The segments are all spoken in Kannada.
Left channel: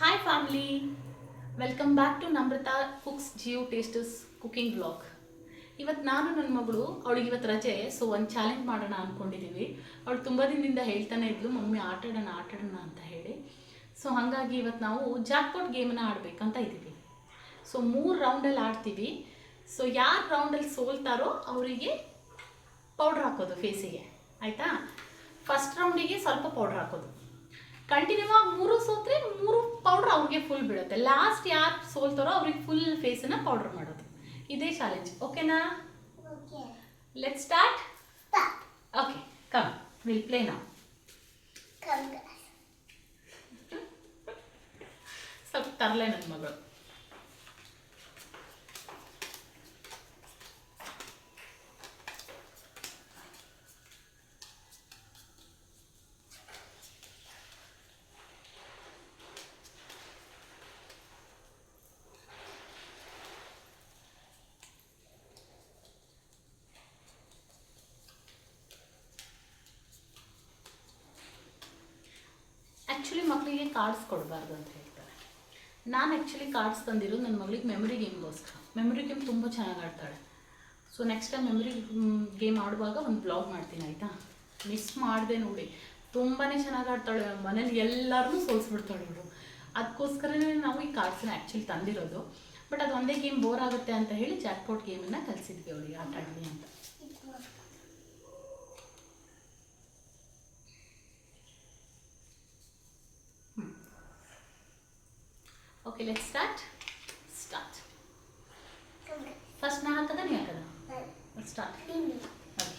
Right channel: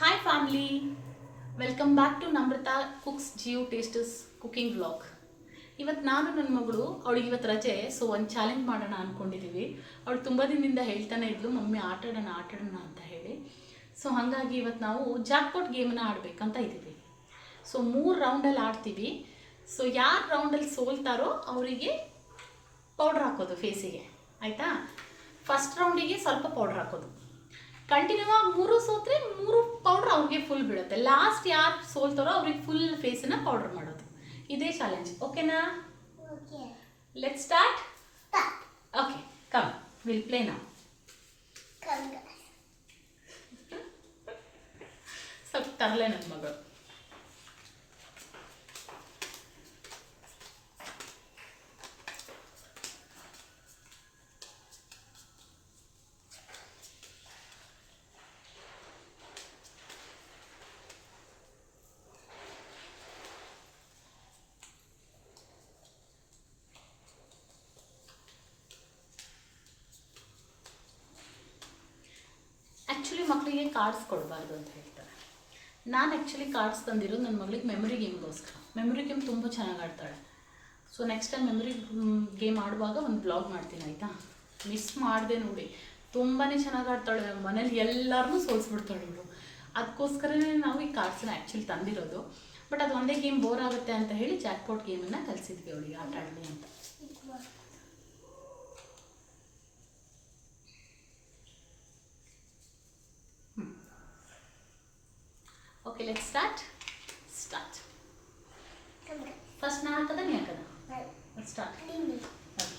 Hi family welcome back to Namrata cooks Jio tastes cooking blog ಇವತ್ತು ನಾನು ನನ್ನ ಮಗಳು, ಅವಳಿಗೆ ಇವತ್ತು ರಜೆ ಸೊ ಒಂದು ಚಾಲೆಂಜ್ ಮಾಡೋಣ ಅಂದ್ಕೊಂಡಿದ್ದೀವಿ ಅವಳು ತುಂಬ ದಿನದಿಂದ ಹೇಳ್ತಾನೆ ಇದ್ಲು, ಮಮ್ಮಿ, ಆಟಾಡೋಣ ಆಟಾಡೋಣ ಅಂತ ಹೇಳಿ. ಸೊ ಹಾಗಾಗಿ ಇವತ್ತು ನಾವು ಜಾಕ್ಪಾಟ್ ಗೇಮನ್ನು ಆಡಬೇಕಂತ ಇದ್ದೀವಿ ಸೊ ಮೂರು ರೌಂಡಲ್ಲಿ ಆಡ್ತೀವಿ. ಸೊ ಯಾರು ರೌಂಡಲ್ಲಿ ಸೋಲ್ತಾರೋ ಅವರಿಗೆ ಪೌಡ್ರ್ ಹಾಕೋದು ಫೇಸಿಗೆ ಆಯಿತಾ? ಫಸ್ಟ್ ರೌಂಡಿಗೆ ಸ್ವಲ್ಪ ಪೌಡ್ರ್ ಹಾಕೋದು. ಕಂಟಿನ್ಯೂ ಆಗಿ ಮೂರು ಸೋತ್ರೆ ಮೂರು ಪೌಡ್ರ್ ಅವ್ರಿಗೆ ಫುಲ್ ಬೀಳುತ್ತೆ. ಲಾಸ್ಟ್ ಯಾರು ಸೋಲ್ತಾರೋ ಅವ್ರಿಗೆ ಫುಲ್ ಫೇಸನ್ನು ಪೌಡ್ರ್ ಮಾಡೋದು. ಇದೇ ಚಾಲೆಂಜ್ ಓಕೆನಾ. Let start okay come will play ನಾವು. ಸ್ವಲ್ಪ ತರಲೆ ನನ್ನ ಮಗಳು. ಆ್ಯಕ್ಚುಲಿ ಮಕ್ಕಳಿಗೆ ಕಾರ್ಡ್ಸ್ ಕೊಡಬಾರ್ದು ಅಂತ ಹೇಳ್ತಾರೆ. ನಾನು ಆ್ಯಕ್ಚುಲಿ ಕಾರ್ಡ್ಸ್ ತಂದಿರೋದು ನನ್ನ ಮಗಳಿಗೆ ಮೆಮೊರಿ ಗೇಮ್ಗೋಸ್ಕರ ಮೆಮೊರಿ ಗೇಮ್ ತುಂಬ ಚೆನ್ನಾಗಿ ಆಡ್ತಾಳೆ. So next time memory game ಆಡುವಾಗ ಒಂದು ಬ್ಲಾಗ್ ಮಾಡ್ತೀನಿ, ಆಯಿತಾ? ಮಿಸ್ ಮಾಡಿದೆ ನೋಡಿ. ತುಂಬಾ ಚೆನ್ನಾಗಿ ಆಡ್ತಾಳೆ ಮನೇಲಿ ಎಲ್ಲರನ್ನೂ ಸೋಲ್ಸ್ಬಿಡ್ತಾಳೆ ಅವಳು ಅದಕ್ಕೋಸ್ಕರನೇ ನಾವು ಈ ಕಾರ್ಡ್ಸನ್ನ ಆ್ಯಕ್ಚುಲಿ ತಂದಿರೋದು. ಬಟ್ ಅದು ಒಂದೇ ಗೇಮ್ ಬೋರ್ ಆಗುತ್ತೆ ಅಂತ ಹೇಳಿ ಜಾಕ್ಪಾಟ್ ಗೇಮನ್ನು ಕಲಿಸಿದ್ವಿ ಅವಳಿಗೆ ಆಟ ಆಡಲಿ ಅಂತ. Okay let start start Come, guys. First ನಾ ಹಾಕದ ನೀ ಹಾಕದ Bye. Start Leave me. Okay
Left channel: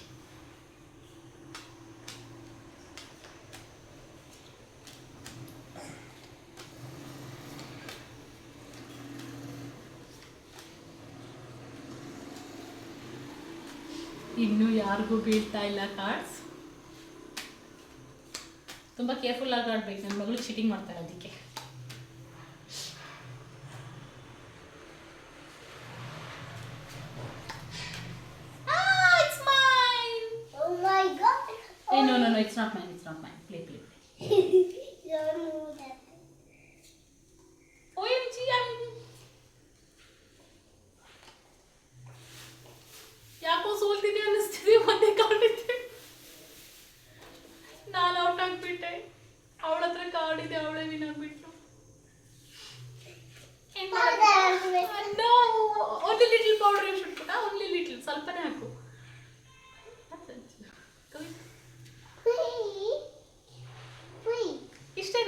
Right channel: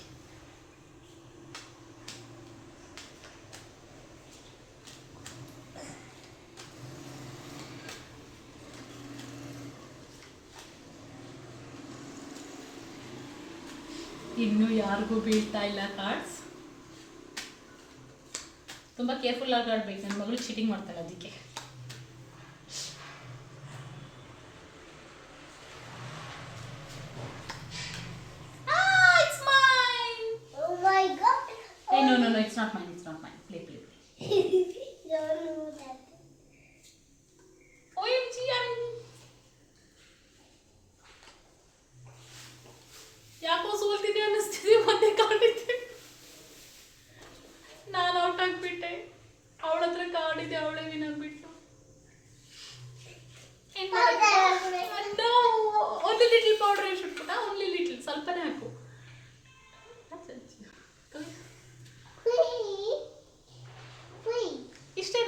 ಇನ್ನು ಯಾರಿಗೂ ಬೀಳ್ತಾ ಇಲ್ಲ ಕಾರ್ಡ್ಸ್ ತುಂಬ ಕೇರ್ಫುಲ್ ಆಗಿ ಆಡ್ಬೇಕು. ನನ್ನ ಮಗಳು ಚೀಟಿಂಗ್ ಮಾಡ್ತಾಳೆ ಅದಕ್ಕೆ.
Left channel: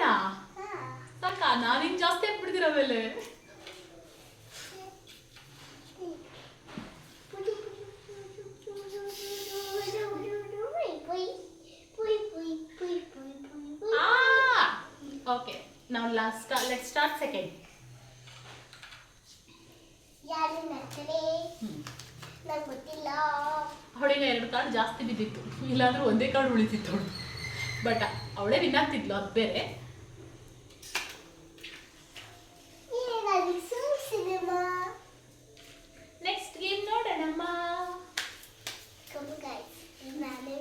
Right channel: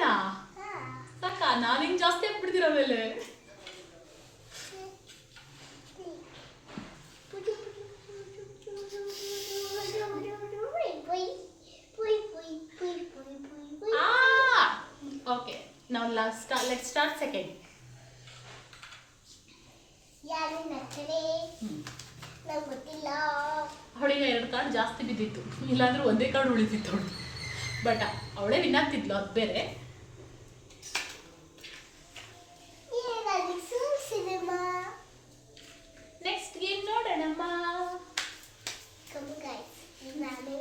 ಇಷ್ಟೇನಾ ಸಾಕ? ನಾನು ನಾನಿನ್ ಜಾಸ್ತಿ ಹಾಕ್ಬಿಡ್ತೀರ ಆಮೇಲೆ? ಓಕೆ ನಾವು ಲಾಸ್ಟ್ ಲೆಟ್ ಸ್ಟಾರ್ಟ್ ಸೆಕೆಂಡ್ ಅವಳಿಗೆ ಎರಡು ಕಾರ್ಡ್ ಜಾಸ್ತಿ ಬಿದ್ದಿತ್ತು. ಇಲ್ಲಾಂದ್ರೆ ಒಂದೇ ಕಾರ್ಡ್ ಉಳಿತಿತ್ತು ಅವಳು. ಬಟ್ ಅವಳೇ ವಿನ್ ಆಗ್ತಿದ್ಲು ಅದು ಬೇರೆ ಸಿನಿಮಾ ನೆಕ್ಸ್ಟ್ ಗೇಮ್ ನೋಡೋಣಮ್ಮ ಕಮ್ಮಿ ಗಾಯ್ಸ್ ನಾನೇ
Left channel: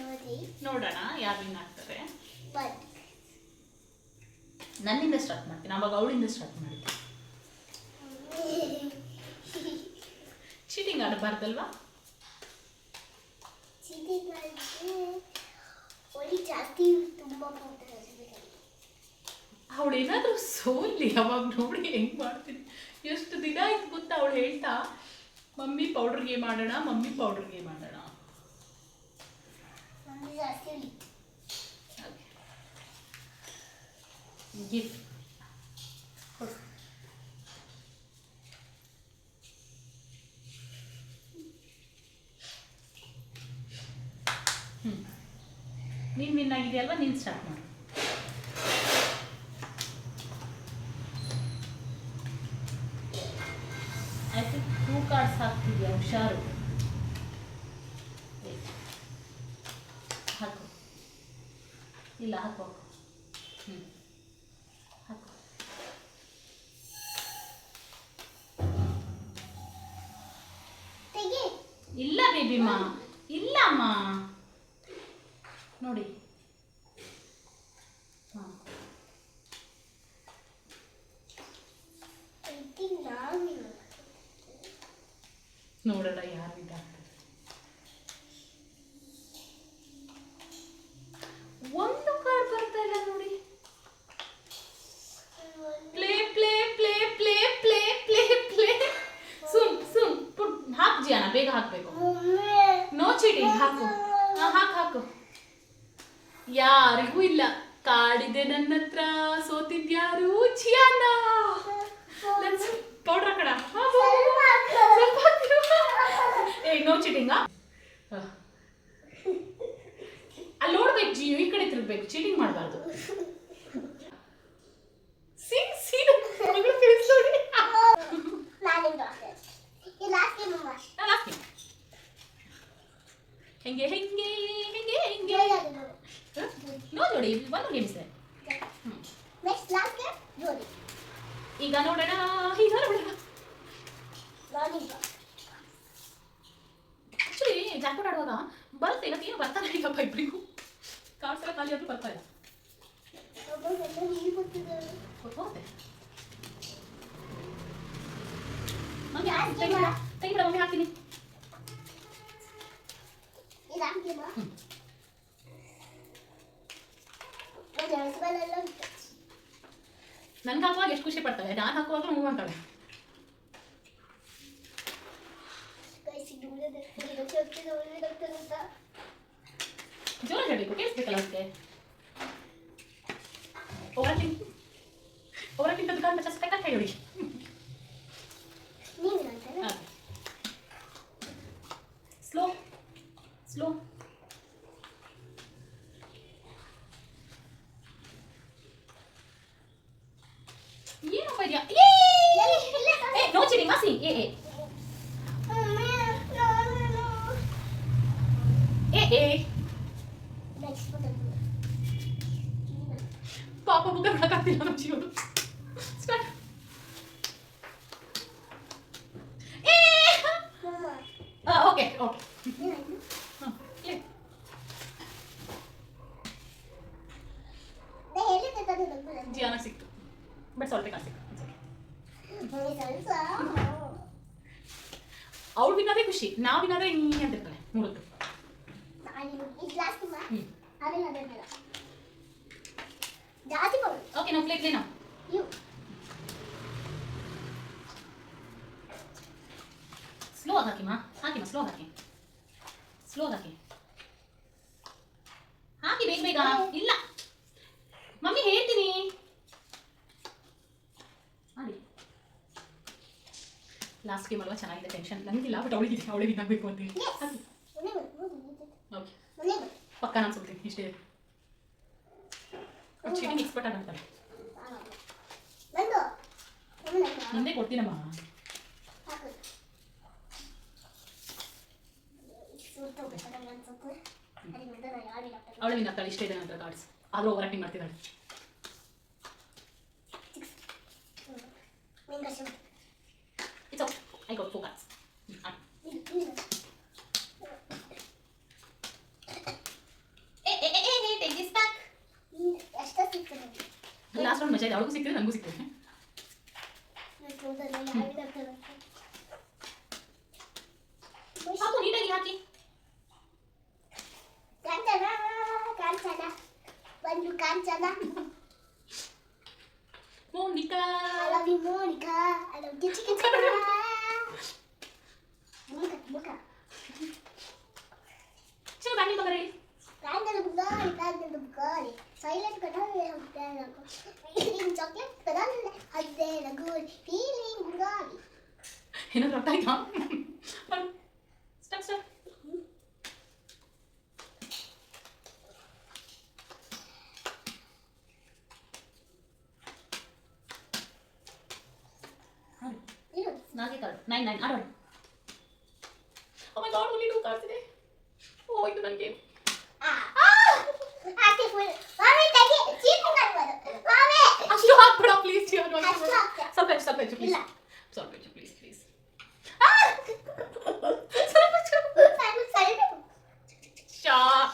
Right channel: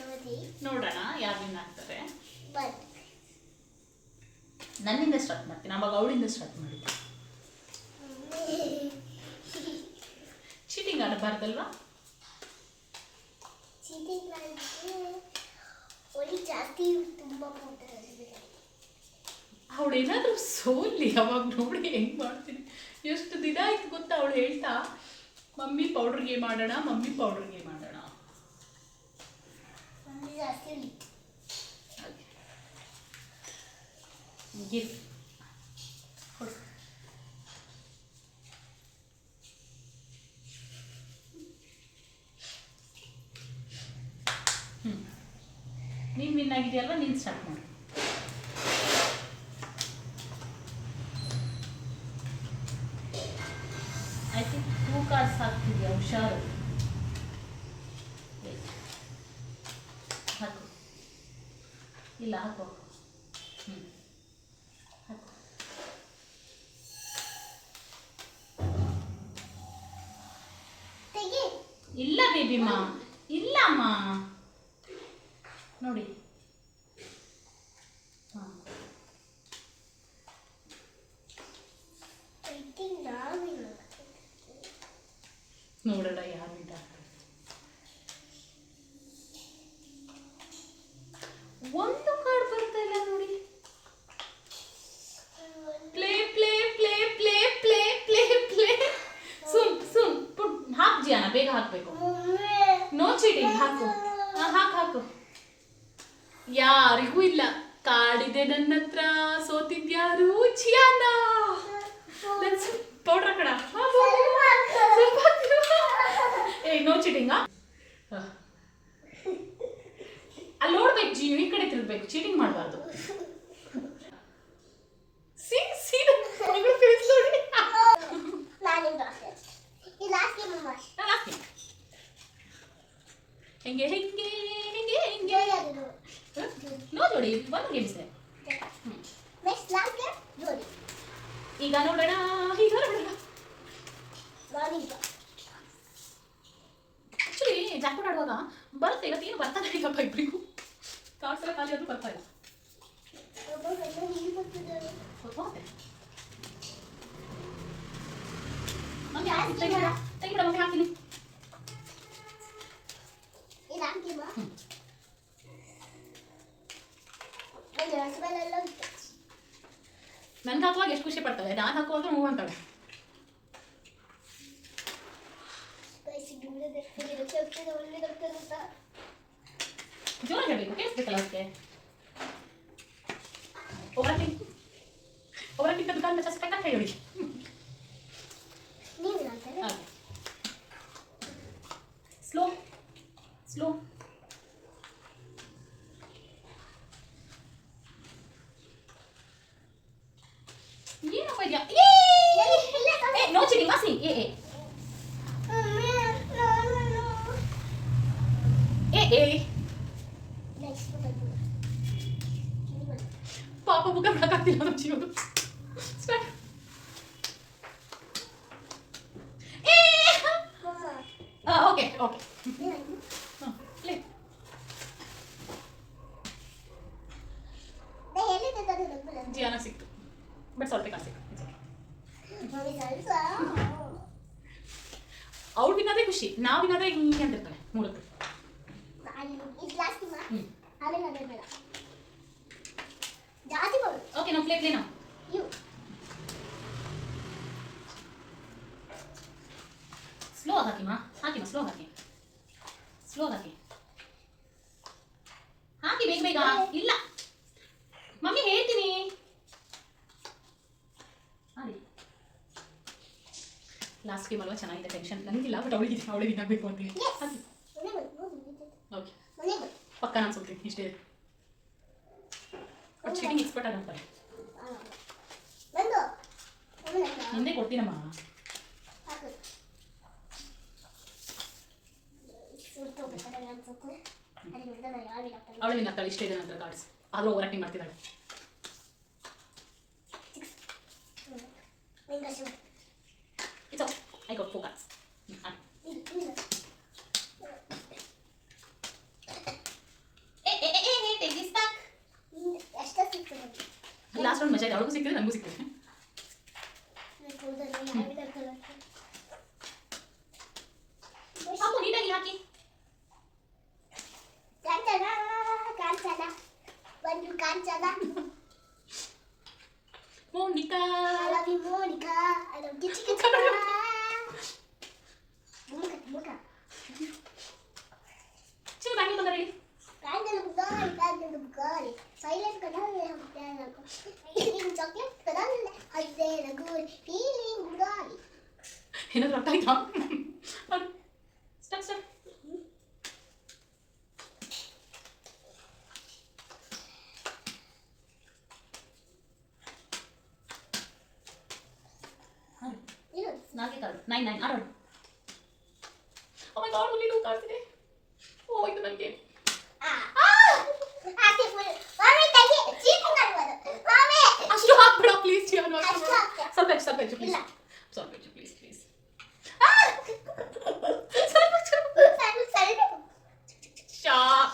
ನೋಡಿ ನೋಡೋಣ ಯಾರು ವಿನ್ ಆಗ್ತಾರೆ ಬಟ್ ನನ್ನಿಂದ ಸ್ಟಾರ್ಟ್ ಮಾಡ್ತೀನಿ ಅವಾಗ ಅವಳಿಂದ ಸ್ಟಾರ್ಟ್ ಮಾಡಿದ್ದೆ. ಚೀಟಿಂಗ್ ಆಡಬಾರ್ದಲ್ವಾ? ಅವಳು ಏನಾದರೂ ಸೋಲಿ ಅವಾಗ ನೋಡಿ ಹೆಂಗೆ ಮಾಡ್ತೀನಿ. ಎಷ್ಟು ದಿನ ಆಯ್ತು ಗೊತ್ತಾ ಅವಳು ಹೇಳ್ತಾ ಮಮ್ಮಿ ಪೌಡ್ರ್ ಗೇಮ್ ಆಡೋಣ ಮಮ್ಮಿ ಪೌಡ್ರ್ ಗೇಮ್ ಆಡೋಣ ನಮ್ದು ಜಾಸ್ತಿ ಉಳಿ ಗಿಫ್ಟ್ ಕೊಡು ಹ್ಞೂ ಆಗಿದೆಯಲ್ವಾ ನೀನು ಸ್ಟಾರ್ಟ್ ಮಾಡು. ಐ ಥಿಂಕ್ ಟೂ ಕಾರ್ಡ್ಸ್ ಹಾಕ್ತಿದ್ಯಾ ಹುಷಾರು. ಹಾಕು. ಇಲ್ಲ ಹಾಕು ಹ್ಞೂ ಹಾಕು. ಇಲ್ಲ ಬೇಬಿಮ್ಮ ಇಲ್ಲಮ್ಮ ನೋಡಿ. ನೋಡೋಣ ಯಾರು ಇದ್ದಾರೆ ಒಂದು ಕಾರ್ ಬರ್ತಾ ಇಲ್ಲ ನೋಡಿ. Play play play play play play play ಸುಮ್ ಸುಮ್, ಪುಟ್, ಹಾಕ್ ಜಿಯಾನ, ಬೇಗ ಹಾಕ್ಬೇಕು. ನೋ ಚಿಡಿ ಹಾಕು. ಹಾಕ್, ಹಾಕು. ಯಾರಿಗೂ ಇಲ್ಲ. ಕಾಡಿದೆ ನನ್ನತ್ರ. ನನ್ನ ಹತ್ರ ಸೋತಿದ್ಯಾರು? ಹೆಂಗೆ ಹಿಂಗೆ ನೋಡಿ ನೋ ಜೋಡಿ ಒಂದು ಗೇಮ್ಸ್. ಈಗ ನೋಡೋಣ ಈಗ ನೋಡೋಣ. ಆಕ್ಚುಲಿ ಜಾಕ್ಪಾಟ್ ಆಡುವಾಗ ಬರುತ್ತೆ ಇವತ್ತು ಏನು ಬರ್ತಾನೆ ಇಲ್ಲಪ್ಪ ಇಬ್ಬರಿಗೂ ಕಾರ್ಡ್ಸ್ ಎಲ್ಲ ಖಾಲಿ ಆದರೂ ಬರ್ತಾ ಇಲ್ಲ. ಗೊತ್ತಾಗುತ್ತೆ ಹಾಕ್ತೀನಿ ಜೋರಾಗಿ ಹೇಳಬೇಕು ಕೇಳಿಸ್ಬೇಕಲ್ಲ ಅದಕ್ಕೆ ಒಬ್ಬರ ಒಬ್ಬರ ತಿಂತ ದುಕಾನ್ ಪಚಾಸ್ ರೂಪಾಯಿ ಕಟ್ಟ ಹೇಳಿ ಸ್ಲೋ ಸ್ಲೋ ಏನಪ್ಪ ಇದೆಯಾ ಏ ನೋ ಚಿಡಿ ಮಾಸಿ ಏ ಏ ಏ ಏ ಪಾಪ ಬುಕ್ಕ ಬಿಡಕ್ಕಾಗ್ತಿಲ್ಲ ನಮ್ಮ ಜೀವನ ಸ್ಟಾರ್ಟ್ ಏ ಓಕೆ ಓಕೆ ಹಾಂ ಪ್ಲೇ ಜಿಯಾನ ಸಿಕ್ತು ಬಟ್ ಸ್ವಲ್ಪ ಕಾಸು ಸಿಕ್ತು ಅವ್ಳು ವಿನಾದ್ರೆ ಖುಷಿ ನಾವು ವಿನಾದ್ರೆ ಹಿಂಗೆ ಅಂತಿರ್ತಾಳೆ ಮೂರತ್ತು ಹ್ಞೂ ಜಾಸ್ತಿ ಮಾಡು ಓಕೆ ನಾವು ಪ್ಲೇ ಪ್ಲೇ ನಾವು. ಸ್ಲೋ ಹಾಕಿಮಾ ಹಾಕಿಮಾ ಸ್ಲೋ ಹಾಕಿ ಸ್ಲೋ ಹಾಕಿ ಹಾಕಿ. ಬೇಗ ಬೇಗ. ಇಲ್ಲ. ಮಮ್ಮಿ ಹೇಳ್ತೀನಿ. ಲಾಸ್ಟ್ ಗೇಮ್ ಅಲ್ವಾ? ಚೆನ್ನಾಗಿದೆ ಟೆನ್ಷನ್ ನನಗಿಲ್ಲ ಬಟ್ ಅವಳಿಗೆ ಅವಳಿಗೆ ಇದಾಗಬೇಕು ಅಂತ ಹೇಳಿ. ಓಕೆ. ಪಕ್ಕ ನಾನು ಸುಡ್ತೀನಿ ಇಷ್ಟೇ. ಬಂದು. ಮೊನ್ನೆ ಬಂತು. ಕೊಡ್ತೀನಮ್ಮ? ಅವಳು ನಿನ್ನ ತಳಿ ಇಷ್ಟೇ ಇದೆ ನಂತರ ಕಾರ್ಡ್ಸ್ ಆದರೂ ಓವರ್ ಆಕ್ಟಿಂಗ್ ಮಾಡ್ತಿದ್ದಾಳೆ. It's I got four cards last ಒಂದು ಮಜಾ ಇದೆ ಅವಳಿಗೂ ಸಿಕ್ಕಿದೆ ನನಗೂ ಸಿಕ್ಕಿದೆ ನಾನು ಕೂದಲು ಯಾರಿಗೆ ಹಾಕ್ತಾರೆ? ಹಾಕು ನೀಟಾಗಿ ಹಾಕಿ ಕಾಂಚನ ಕಾಂಚನ ಬಂದು ಕಾಂಚನ Monika I love you Monica I love you chicken ಮುಖ ಮುಖ ಚಿಕ್ಕ ಬ್ಯಾಂಗಿ ಬಂದರೆ ಕಾಂಚನ ಬುಗಾರಿ ಕಾಂಚನ ಬುಗಾರಿ ಸೈಲೆಂಟ್ ಕಡಲ್ಲ ಫೀಲಿಂಗ್ ಚಾಕ್ಲೇಟ್ ಕಡಲ್ಲ ಅದೇ ನಗು ಫೀಲಿಂಗ್ ಬುಗಾರಿ ಏನಾದ್ರು ಅರ್ಥ ಆಯ್ತಾ ಮಾಡು ಸ್ಟಾರ್ಟ್ ಸ್ಟಾರ್ಟ್ ಇದು ನಾಲ್ಕೇ ಕಾರ್ಡ್ ನೈನ್ ನೈನ್ ಆಡೋಣ ಓ my god only two cards ಇದೆ ಓ ಇದು ನನಗೆ Sarpanchu, please. Sarpanchu, please, please. Sarpanchu. Sarpanchu. Stop.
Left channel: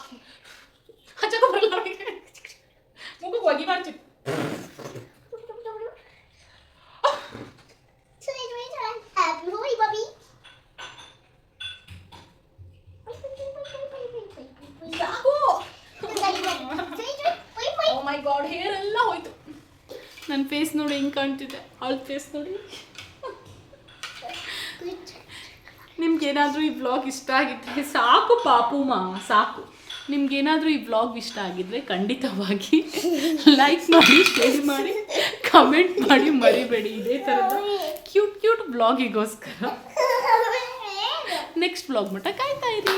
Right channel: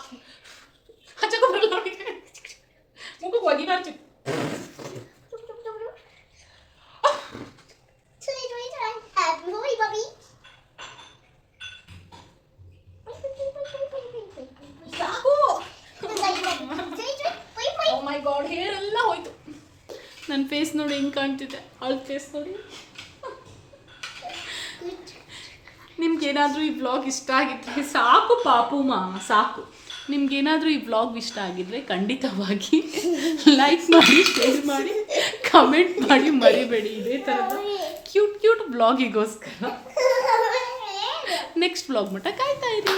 Acha ko bolo. Mukha ko agi marchu. ನೋಡಿ ಹಿಂಗೆ ಕಾಣ್ತಿದೆ. ಅವಳ ಫೇಸ್ ನೋಡಿ. ನಿಮ್ಗೇನಾದರೂ ಈ ಬ್ಲಾಗ್ ಇಷ್ಟ ಆಗಿದ್ರೆ ಸಾಕು ಪಾಪುಮ ಸಾಕು. ನಿಮ್ಗೇನಾದರೂ ಈ ಬ್ಲಾಗ್ ಇಷ್ಟ ಆಗಿದ್ರೆ ಖಂಡಿತವಾಗಿ ಲೈಕ್ ಮಾಡಿ ಶೇರ್ ಮಾಡಿ ಕಮೆಂಟ್ ಮಾಡಿ, ಮರಿಬೇಡಿ. ಇದೇ ಥರದ ಕ್ಯೂಟ್ ಕ್ಯೂಟ್ ಬ್ಲಾಗಿಗೋಸ್ಕರ ನೆಕ್ಸ್ಟ್ ಬ್ಲಾಗ್ ಮಟ್ಟ ಕಾಯ್ತಾ ಇರಿ.